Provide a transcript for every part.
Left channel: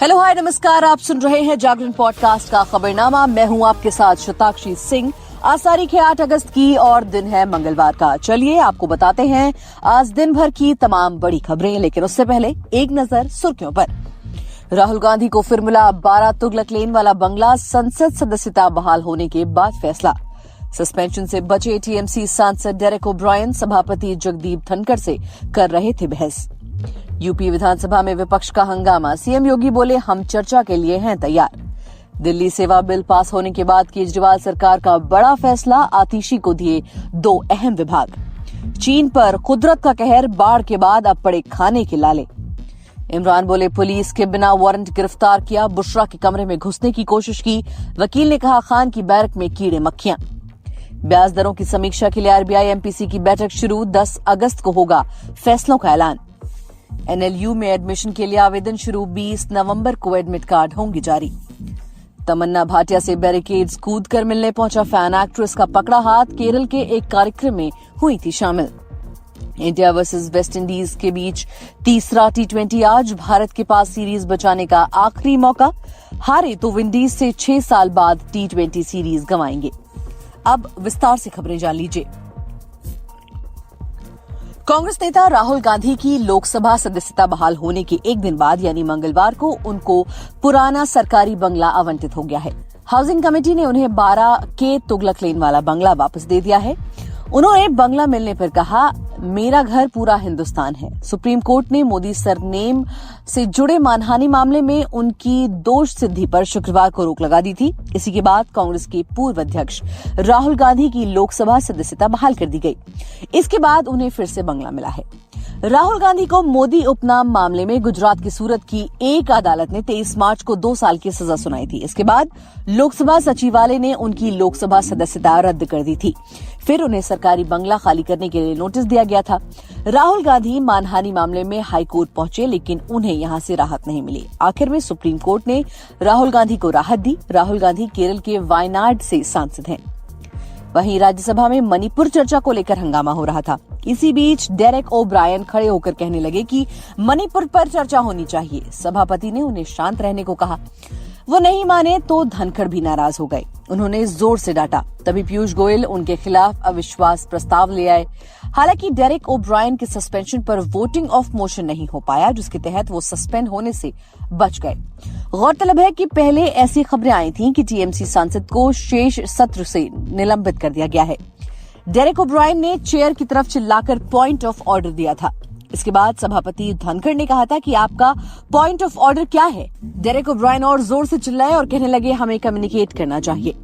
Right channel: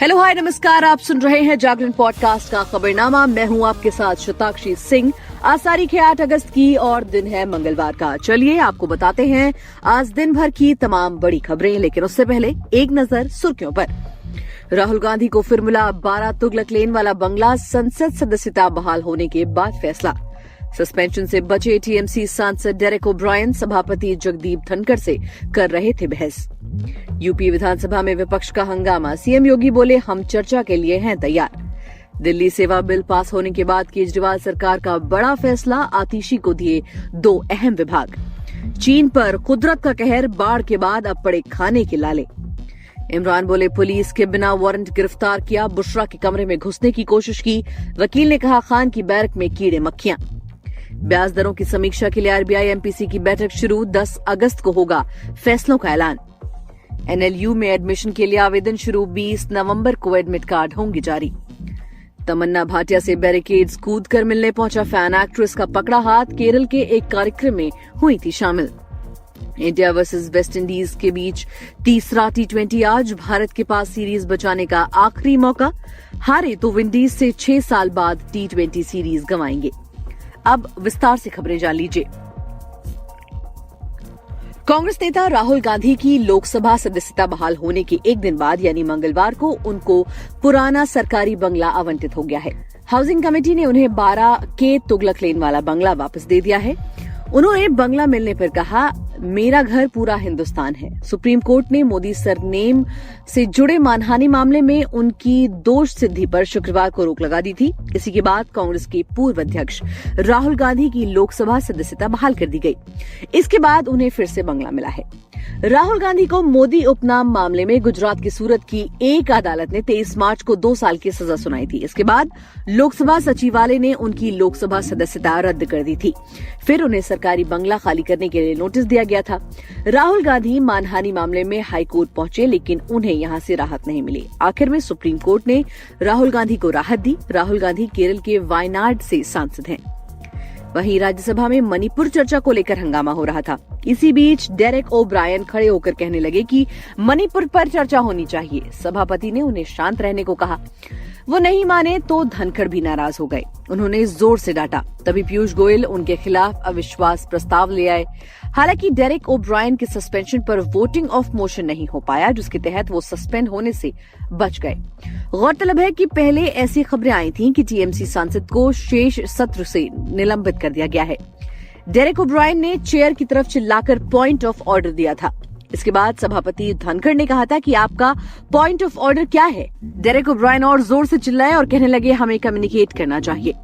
Hello hi नमस्कार, आप सुन रहे हैं जागरण पॉडकास्ट का खबरनामा। मैं हूं आपके साथ शताक्षी सिंह। आज तारीख है 8 अगस्त की और दिन है मंगलवार का। चलिए आपको बताते हैं आज दिन भर की तमाम बड़ी खबरें, लेकिन उससे पहले एक नजर सुर्खियों पर। राहुल गांधी को फिर मिला 12 तुगलक लेन वाला बंगला, संसद सदस्यता बहाल होने के बाद फैसला। सस्पेंशन से बचे टीएमसी सांसद डेरेक ओब्रायन सभापति जगदीप धनखड़ से कर रहे थे बहस। यूपी विधानसभा में विपक्ष का हंगामा, सीएम योगी बोले हम चर्चा के लिए हैं तैयार। दिल्ली सेवा बिल पास होने के बाद केजरीवाल सरकार का बड़ा फैसला, आतिशी को दिए 2 अहम विभाग। चीन पर कुदरत का कहर, बाढ़ के बाद अब पड़े खाने के लाले। इमरान बोले पुलिस के बिना वारंट गिरफ्तार किया, बुशरा के कमरे में घुसने की कोशिश की। वकील ने कहा खान की बैरक में कीड़े मक्खियां। ब्याज दरों की समीक्षा के लिए आरबीआई एमपीसी की बैठक शुरू, 10 अगस्त को होगा फैसलों का ऐलान। एनएलयू में एडमिशन के लिए आवेदन शुरू, 20 नवंबर को एडमिट कार्ड होंगे जारी। तमन्ना भाटिया से बैरिकेड्स कूद कर मिलने पहुंचा फैन, एक्ट्रेस का पकड़ा हाथ, केरल के एक कार्यक्रम में हुई थी शामिल। इंडिया वर्सेस वेस्ट इंडीज के बीच तीसरा टी20 आज, भारत के पास सीरीज बचाने का आखिरी मौका। हारे तो विंडीज से 6 साल बाद टी20 सीरीज गंवाएंगे। अब विस्तार से खबरें जान लीजिए। कांग्रेस नेता राहुल गांधी की लोकसभा सदस्यता बहाल होने के एक दिन बाद यानी मंगलवार को उनको पुराना सरकारी बंगला आवंटित हो गया है। हाउसिंग कमेटी ने उन्हें 12 के तुगलक लेन वाला बंगला वापस दे दिया है। उन्होंने बंगला मिलने पर कहा मेरा घर पूरा हिंदुस्तान है। सुप्रीम कोर्ट ने मोदी सरनेम से जुड़े मानहानि मामले में उनकी दोष सिद्धि पर शुक्रवार को रोक लगा दी थी। इसी के बाद कांग्रेस के पूर्व अध्यक्ष राहुल गांधी की लोकसभा सदस्यता बहाल कर दी गई। इसके बाद उन्हें फिर से बंगला मिला है। राहुल गांधी को मोदी उपनाम मामले में गुजरात की सूरत की एक अदालत ने 23 मार्च को 2 साल की सजा सुनाई थी। इसके बाद लोकसभा सचिवालय ने उनकी लोकसभा सदस्यता रद्द कर दी थी। फिर उन्हें सरकारी बंगला खाली करने के लिए नोटिस दिया गया था। राहुल गांधी मानहानि मामले में हाईकोर्ट पहुंचे, लेकिन उन्हें यहां से राहत नहीं मिली। आखिर में सुप्रीम कोर्ट ने राहुल गांधी को राहत दी। राहुल गांधी केरल के वायनाड से सांसद हैं। वहीं राज्यसभा में मणिपुर चर्चा को लेकर हंगामा हो रहा था। इसी बीच डेरेक ओब्रायन खड़े होकर कहने लगे कि मणिपुर पर चर्चा होनी चाहिए। सभापति ने उन्हें शांत रहने को कहा। वो नहीं माने तो धनखड़ भी नाराज हो गए। उन्होंने जोर से डांटा। तभी पीयूष गोयल उनके खिलाफ अविश्वास प्रस्ताव ले आए। हालांकि डेरेक ओब्रायन के सस्पेंशन पर वोटिंग ऑफ मोशन नहीं हो पाया, जिसके तहत वो सस्पेंड होने से बच गए। गौरतलब है कि पहले ऐसी खबरें आई थीं कि टीएमसी सांसद को शेष सत्र से निलंबित कर दिया गया है। डेरेक ओब्रायन ने चेयर की तरफ चिल्लाकर पॉइंट ऑफ ऑर्डर दिया था। इसके बाद सभापति धनखड़ ने कहा था कि आपका पॉइंट ऑफ ऑर्डर क्या है। डेरेक ओब्रायन और जोर से चिल्लाए और कहने लगे हमें कम्युनिकेट करना चाहिए,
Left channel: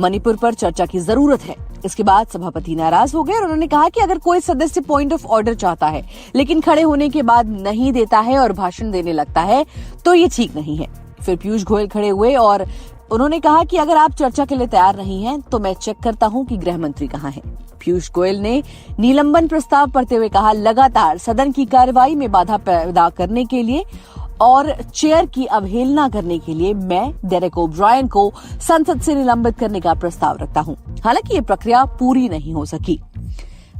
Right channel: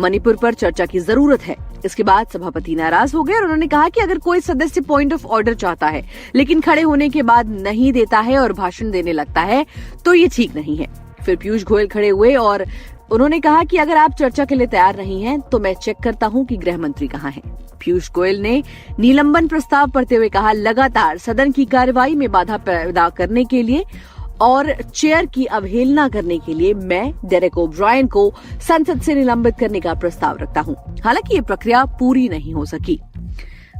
मणिपुर पर चर्चा की जरूरत है। इसके बाद सभापति नाराज हो गए और उन्होंने कहा कि अगर कोई सदस्य पॉइंट ऑफ ऑर्डर चाहता है लेकिन खड़े होने के बाद नहीं देता है और भाषण देने लगता है तो ये ठीक नहीं है। फिर पीयूष गोयल खड़े हुए और उन्होंने कहा कि अगर आप चर्चा के लिए तैयार नहीं हैं तो मैं चेक करता हूं कि गृह मंत्री कहां हैं। पीयूष गोयल ने निलंबन प्रस्ताव पढ़ते हुए कहा लगातार सदन की कार्यवाही में बाधा पैदा करने के लिए और चेयर की अवहेलना करने के लिए मैं डेरेक ओब्रायन को संसद से निलंबित करने का प्रस्ताव रखता हूं। हालांकि ये प्रक्रिया पूरी नहीं हो सकी।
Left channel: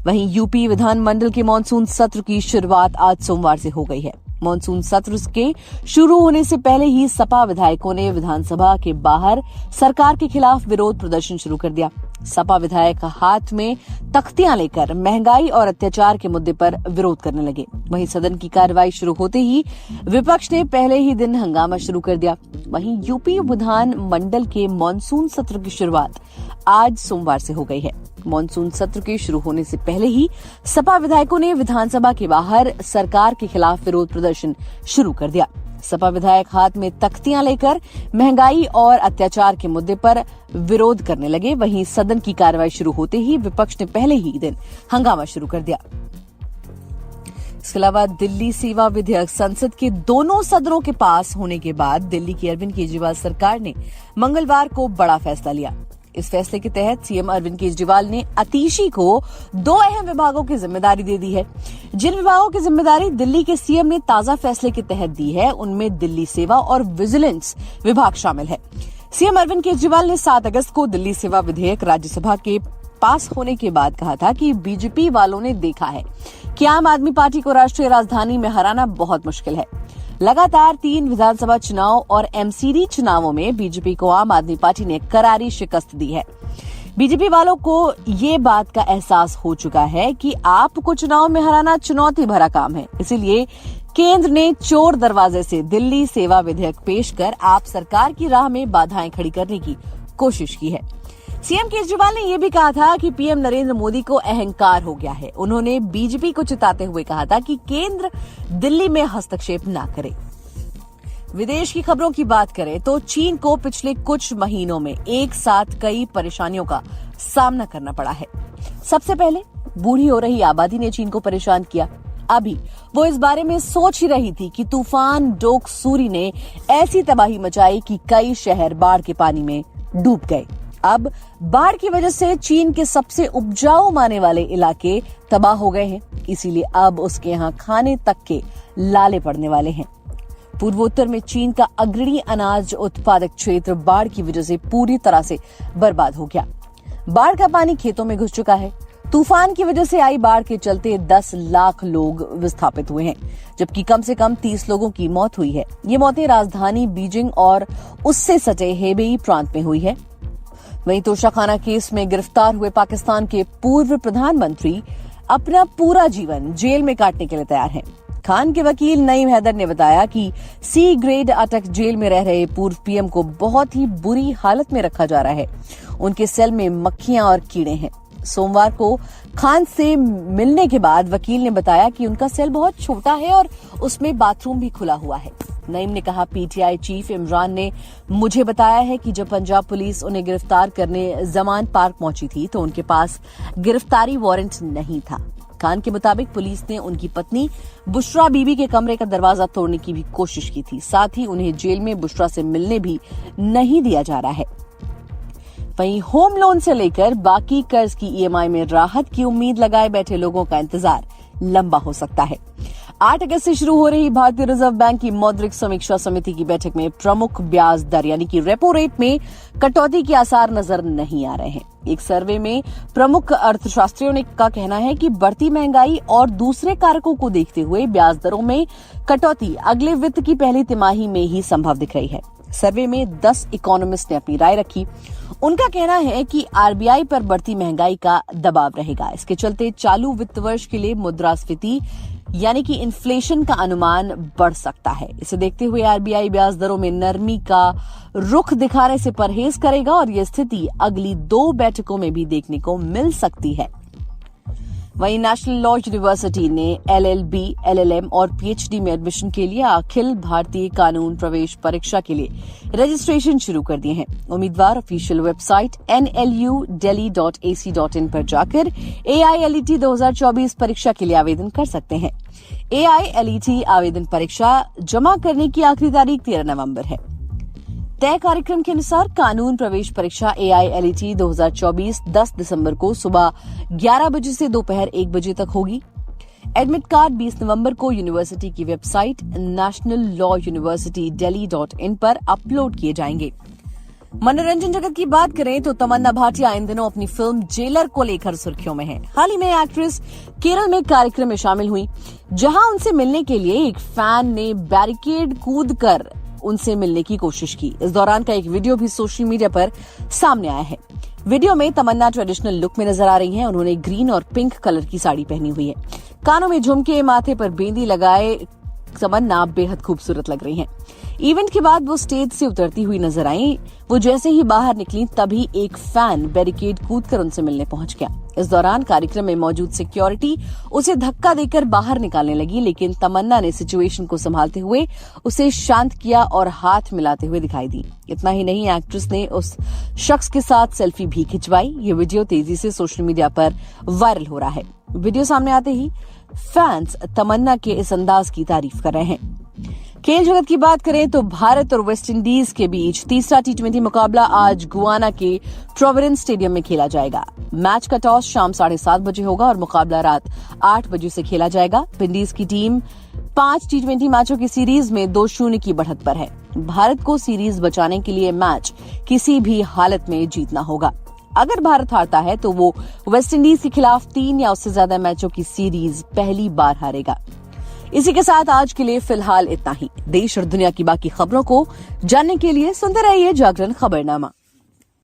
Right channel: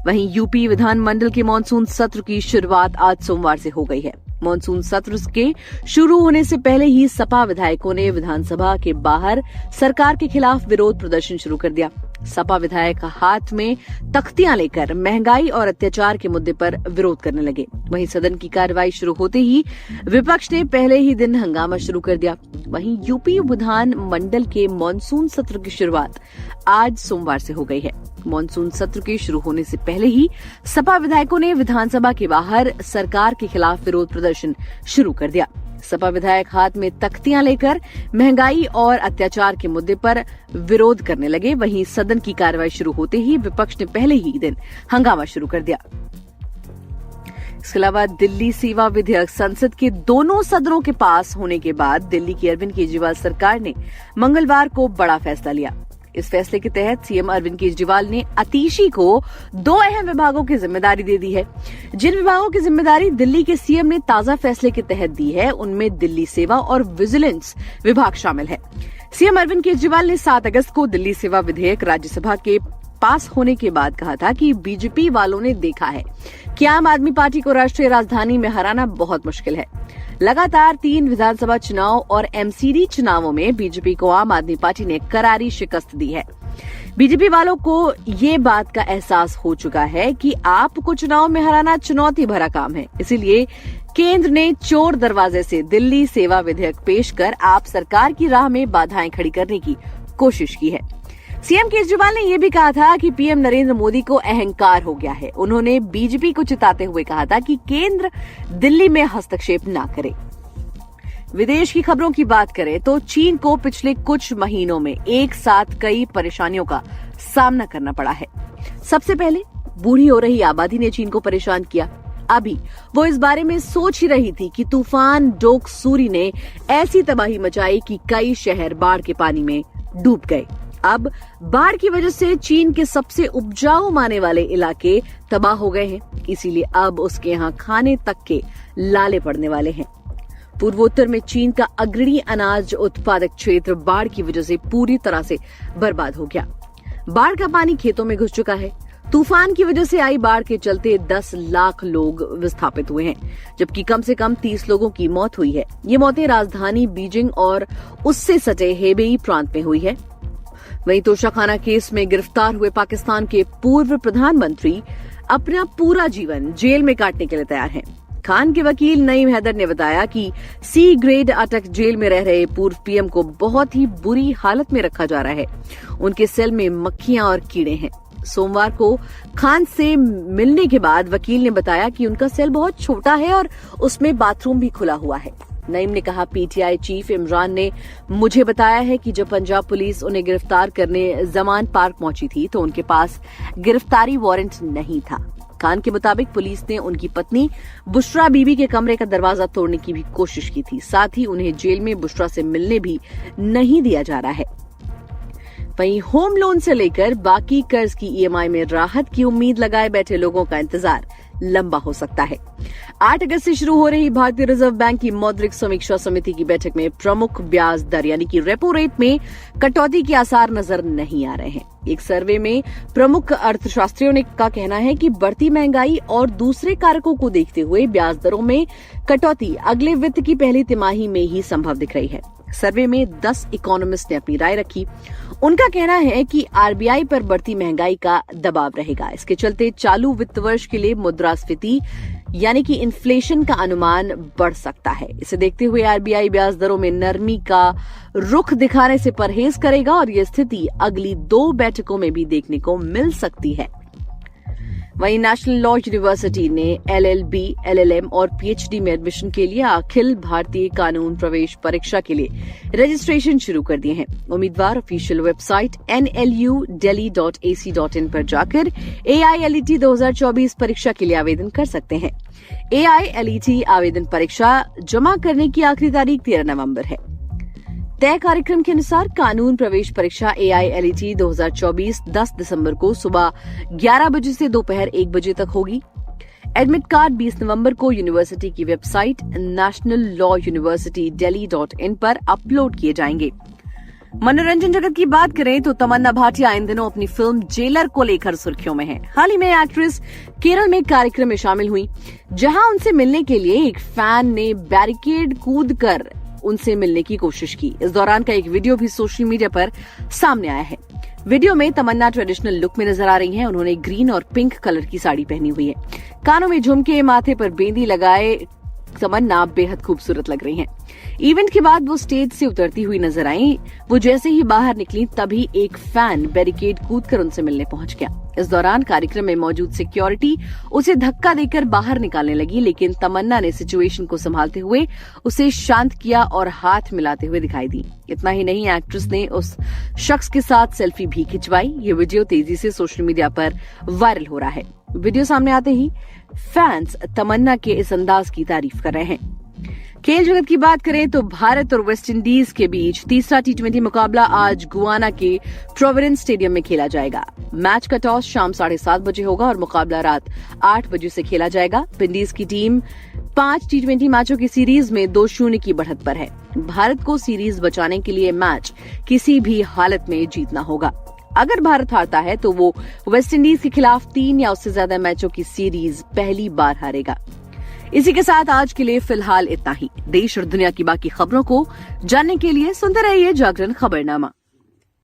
वहीं यूपी विधानमंडल के मानसून सत्र की शुरुआत आज सोमवार से हो गई है। मानसून सत्र के शुरू होने से पहले ही सपा विधायकों ने विधानसभा के बाहर सरकार के खिलाफ विरोध प्रदर्शन शुरू कर दिया। सपा विधायक हाथ में तख्तियां लेकर महंगाई और अत्याचार के मुद्दे पर विरोध करने लगे। वहीं सदन की कार्रवाई शुरू होते ही विपक्ष ने पहले ही दिन हंगामा शुरू कर दिया। वहीं यूपी विधान मंडल के मानसून सत्र की शुरुआत आज सोमवार से हो गई है। मानसून सत्र के शुरू होने से पहले ही सपा विधायकों ने विधानसभा के बाहर सरकार के खिलाफ विरोध प्रदर्शन शुरू कर दिया। सपा विधायक हाथ में तख्तियां लेकर महंगाई और अत्याचार के मुद्दे पर विरोध करने लगे। वहीं सदन की कार्रवाई शुरू होते ही विपक्ष ने पहले ही दिन हंगामा शुरू कर दिया। इसके अलावा दिल्ली सेवा विधेयक संसद के दोनों सदनों के पास होने के बाद दिल्ली की अरविंद केजरीवाल सरकार ने मंगलवार को बड़ा फैसला लिया। इस फैसले के तहत सीएम अरविंद केजरीवाल ने आतिशी को 2 अहम विभागों की जिम्मेदारी दे दी है। जिन विभागों की जिम्मेदारी दिल्ली के सीएम ने ताजा फैसले के तहत दी है उनमें दिल्ली सेवा और विजिलेंस विभाग शामिल है। सीएम अरविंद केजरीवाल ने 7 अगस्त को दिल्ली सेवा विधेयक राज्यसभा के पास होने के बाद कहा था कि बीजेपी वालों ने देखा है कि आम आदमी पार्टी को राष्ट्रीय राजधानी में हराना बहुत मुश्किल है। लगातार 3 विधानसभा चुनाव और एमसीडी चुनावों में बीजेपी को आम आदमी पार्टी ने करारी शिकस्त दी है। बीजेपी वालों को ये बात का एहसास हो चुका है कि आपको चुनाव में हराना चुनौती भरा काम है। इसीलिए केंद्र ने चोर दरवाजे से दिल्ली सेवा विधेयक पेश कर आप सरकार की राह में बाधाएं खड़ी करने की कोशिश की है। सीएम केजरीवाल ने यह भी कहा था कि पीएम नरेंद्र मोदी को अहंकार हो गया है। उन्होंने बीजेपी को चिताते हुए कहा था कि केंद्र दिल्ली में हस्तक्षेप न करे। विदेश की खबरों की बात करें तो चीन को पिछले कुछ महीनों में एक साथ कई परेशानियों का सामना करना पड़ा है। सबसे पहले बूढ़ी हो रही आबादी ने चीन को परेशान किया। अभी वो इस बारे में सोच ही रही थी कि तूफान डोकसूरी ने ऐसी तबाही मचाई कि कई शहर बाढ़ के पानी में डूब गए। अब बाढ़ की वजह से चीन के सबसे उपजाऊ माने वाले इलाके तबाह हो गए हैं। इसीलिए अब उसके यहाँ खाने तक के लाले पड़ने वाले हैं। पूर्वोत्तर में चीन का अग्रणी अनाज उत्पादक क्षेत्र बाढ़ की वजह से पूरी तरह से बर्बाद हो गया। बाढ़ का पानी खेतों में घुस चुका है। तूफान की वजह से आई बाढ़ के चलते 10 लाख लोग विस्थापित हुए हैं, जबकि कम से कम 30 लोगों की मौत हुई है। ये मौतें राजधानी बीजिंग और उससे सटे हेबेई प्रांत में हुई है। वहीं तोशाखाना केस में गिरफ्तार हुए पाकिस्तान के पूर्व प्रधानमंत्री अपना पूरा जीवन जेल में काटने के लिए तैयार हैं। खान के वकील नईम हैदर ने बताया कि सी ग्रेड अटक जेल में रह रहे पूर्व पीएम को बहुत ही बुरी हालत में रखा जा रहा है। उनके सेल में मक्खियां और कीड़े हैं। सोमवार को खान से मिलने के बाद वकील ने बताया कि उनका सेल बहुत छोटा है और उसमें बाथरूम भी खुला हुआ है। नईम ने कहा, पीटीआई चीफ इमरान ने मुझे बताया है कि जब पंजाब पुलिस उन्हें गिरफ्तार करने जमान पार्क पहुंची थी तो उनके पास गिरफ्तारी वारंट नहीं था। खान के मुताबिक पुलिस ने उनकी पत्नी बुशरा बीबी के कमरे का दरवाजा तोड़ने की भी कोशिश की थी। साथ ही उन्हें जेल में बुशरा से मिलने भी नहीं दिया जा रहा है। वहीं होम लोन से लेकर बाकी कर्ज की ईएमआई में राहत की उम्मीद लगाए बैठे लोगों का इंतजार लंबा हो सकता है। 8 अगस्त से शुरू हो रही भारतीय रिजर्व बैंक की मौद्रिक समीक्षा समिति की बैठक में प्रमुख ब्याज दर यानी कि रेपो रेट में कटौती के आसार नजर नहीं आ रहे हैं। एक सर्वे में प्रमुख अर्थशास्त्रियों का कहना है कि बढ़ती महंगाई और दूसरे कारकों को देखते हुए ब्याज दरों में कटौती अगले वित्त की पहली तिमाही में ही संभव दिख रही है। सर्वे में 10 इकोनॉमिस्ट ने अपनी राय रखी। उनका कहना है कि आरबीआई पर बढ़ती महंगाई का दबाव रहेगा। इसके चलते चालू वित्त वर्ष के लिए मुद्रास्फीति यानी कि इन्फ्लेशन का अनुमान बढ़ सकता है। इसे देखते हुए आरबीआई ब्याज दरों में नरमी का रुख दिखाने से परहेज करेगा और यह स्थिति अगली 2 बैठकों में भी देखने को मिल सकती है। वहीं नेशनल लॉ यूनिवर्सिटी ने एलएलबी, एलएलएम और पीएचडी में एडमिशन के लिए अखिल भारतीय कानून प्रवेश परीक्षा के लिए रजिस्ट्रेशन शुरू कर दिए हैं। उम्मीदवार ऑफिशियल वेबसाइट nludelhi.ac.in पर जाकर AILET 2024 परीक्षा के लिए आवेदन कर सकते हैं। AILET आवेदन परीक्षा जमा करने की आखिरी तारीख 13 नवंबर है। तय कार्यक्रम के अनुसार कानून प्रवेश परीक्षा AILET 2024 10 दिसंबर को सुबह 11 बजे से दोपहर 1 बजे तक होगी। एडमिट कार्ड 20 नवंबर को यूनिवर्सिटी की वेबसाइट nationallawuniversitydelhi.in पर अपलोड किए जाएंगे। मनोरंजन जगत की बात करें तो तमन्ना भाटिया इन दिनों अपनी फिल्म जेलर को लेकर सुर्खियों में है। हाल ही में एक्ट्रेस केरल में कार्यक्रम में शामिल हुई, जहां उनसे मिलने के लिए एक फैन ने बैरिकेड कूदकर उनसे मिलने की कोशिश की। इस दौरान का एक वीडियो भी सोशल मीडिया पर सामने आया है। वीडियो में तमन्ना ट्रेडिशनल लुक में नजर आ रही हैं। उन्होंने ग्रीन और पिंक कलर की साड़ी पहनी हुई है। कानों में झुमके, माथे पर बेंदी लगाए तमन्ना बेहद खूबसूरत लग रही हैं। इवेंट के बाद वो स्टेज से उतरती हुई नजर आई। वो जैसे ही बाहर निकली तभी एक फैन बैरिकेड कूदकर उनसे मिलने पहुंच गया। इस दौरान कार्यक्रम में मौजूद सिक्योरिटी उसे धक्का देकर बाहर निकालने लगी, लेकिन तमन्ना ने सिचुएशन को संभालते हुए उसे शांत किया और हाथ मिलाते हुए दिखाई दी। इतना ही नहीं, एक्ट्रेस ने उस शख्स के साथ सेल्फी भी खिंचवाई। ये वीडियो तेजी से सोशल मीडिया पर वायरल हो रहा है। वीडियो सामने आते ही फैंस तमन्ना के इस अंदाज की तारीफ कर रहे हैं। खेल जगत की बात करें तो भारत और वेस्टइंडीज के बीच तीसरा टी20 मुकाबला आज गुआना के प्रोविडेंस स्टेडियम में खेला जाएगा। मैच का टॉस शाम 7:30 बजे होगा और मुकाबला रात 8 बजे से खेला जाएगा। विंडीज की टीम 5 टी20 मैचों की सीरीज में 2-0 की बढ़त पर है। भारत को सीरीज बचाने के लिए मैच किसी भी हालत में जीतना होगा। अगर भारत हारता है तो वो वेस्टइंडीज के खिलाफ 3 या उससे ज्यादा मैचों की सीरीज पहली बार हारेगा। इसी के साथ आज के लिए फिलहाल इतना ही। देश और दुनिया की बाकी खबरों को जानने के लिए सुनते रहिए जागरण खबरनामा।